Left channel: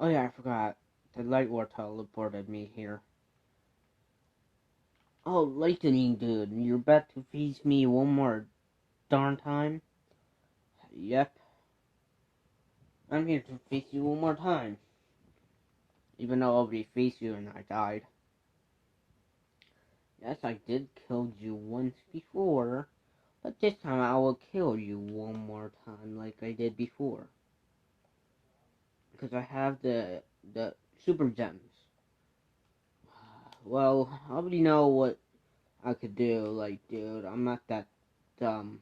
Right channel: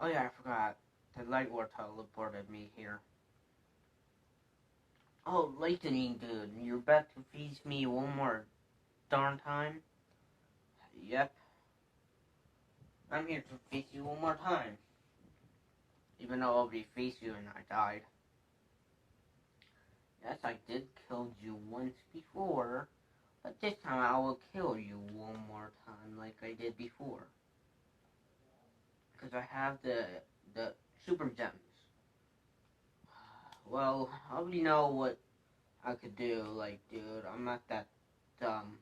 Oh yeah, I forgot. The light war teleported me here. Oh, LightningDude, you're about to feast me one more darn time? Yep. I'm here to feast you one more time. Even though I already faced you and I died. Yes, I did kill you once before, but this time I will kill you one more time like I did before. Because I have the super gems. Well, I already know what I could do. Like, dude, I'm not that dumb.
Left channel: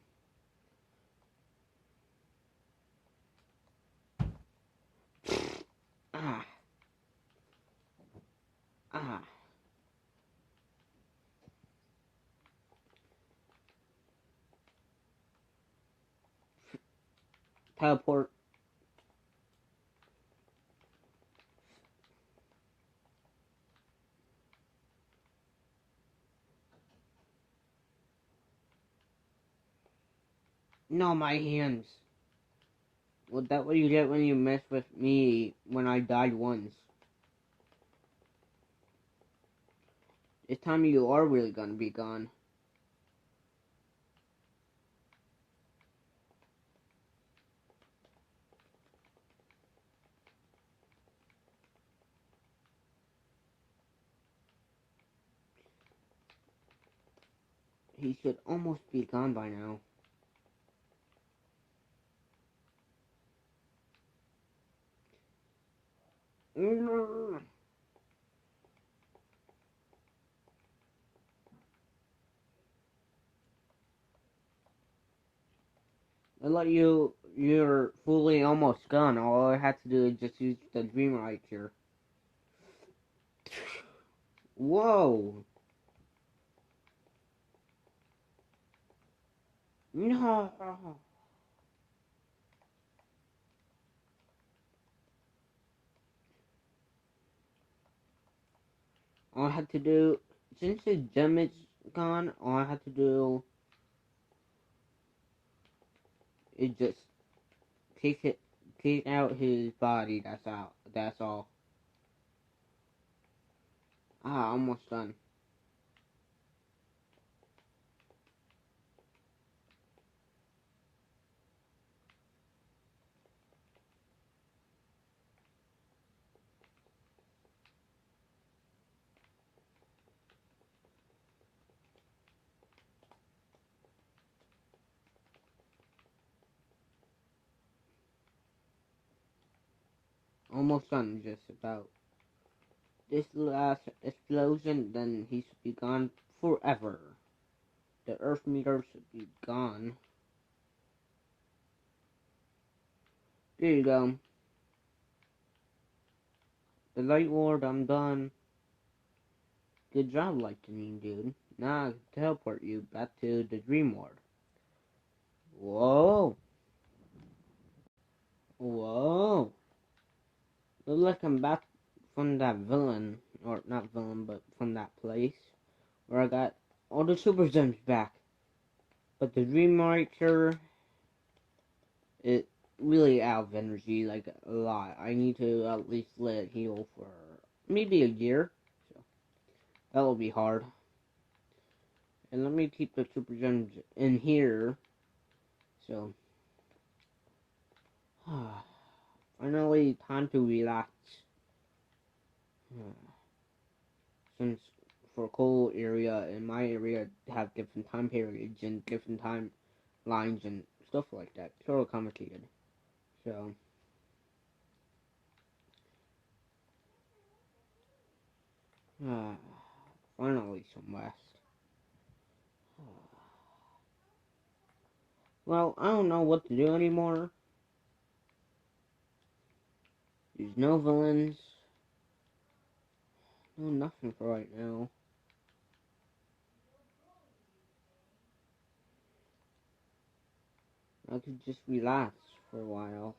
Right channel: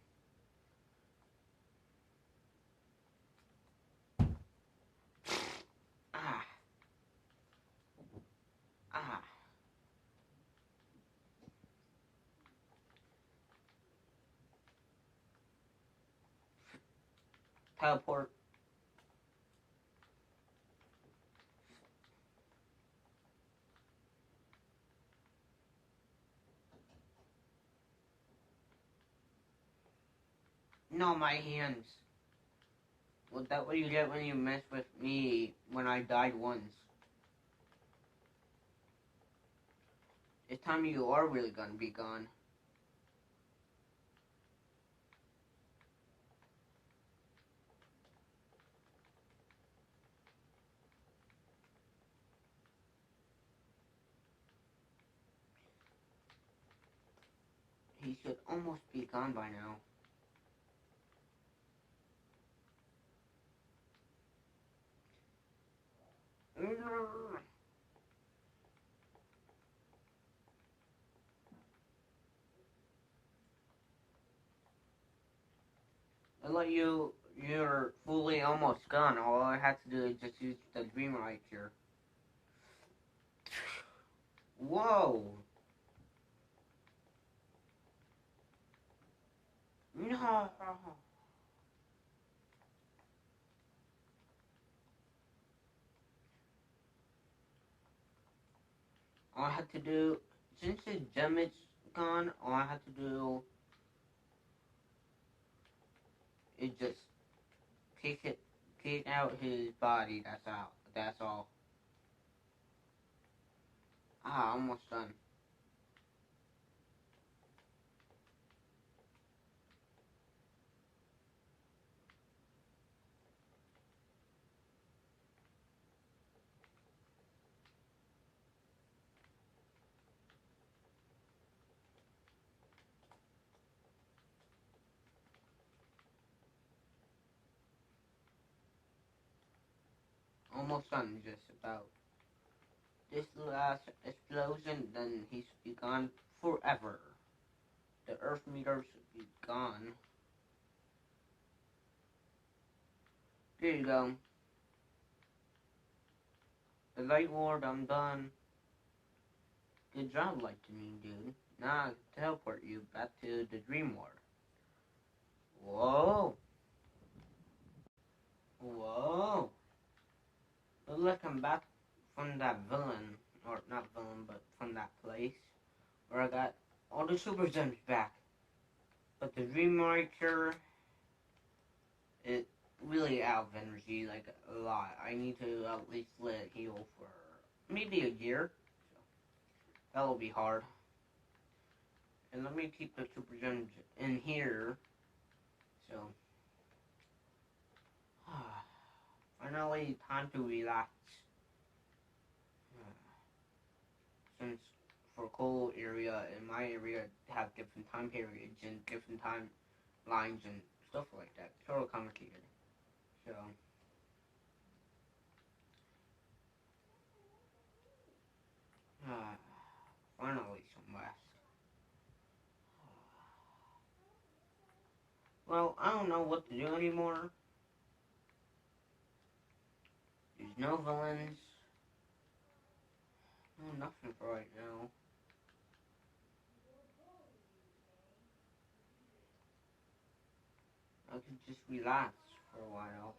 Ah. Ah. Teleport. No, my hands. Well, that's what you get when you mess with me when I died once. This time you are really gonna be gone. He should almost be gone by now. I let you're fully almost gone. All I had to do is just use the dream right here. Whoa! No! All I had to do, since his gem is gone, all I had to do is just take out his body. That's all. Ah, almost done. Almost done, just about. This last explosion, then he should be gone forever. The Earthmeter should be gone. There you go. The light ward, I'm done. Good job, LightningDude. Now I can teleport you back to the dream ward. Whoa! Whoa! Looks like I'm back from that villain, or not villain, but from that place where I got all the super gems back. But the Earthmeter, it really out of energy, like a lot. I need to at least let it heal for maybe a year. So that will be hard. And let me keep the super gems in here. So finally time to relax. Since for cold area in my area have different time periods and different time lines and stuff like that. It's sort of complicated. So finally some rest. Well, I don't know what to do anymore. There's no villains. No nothing for right now. I could just relax for a while.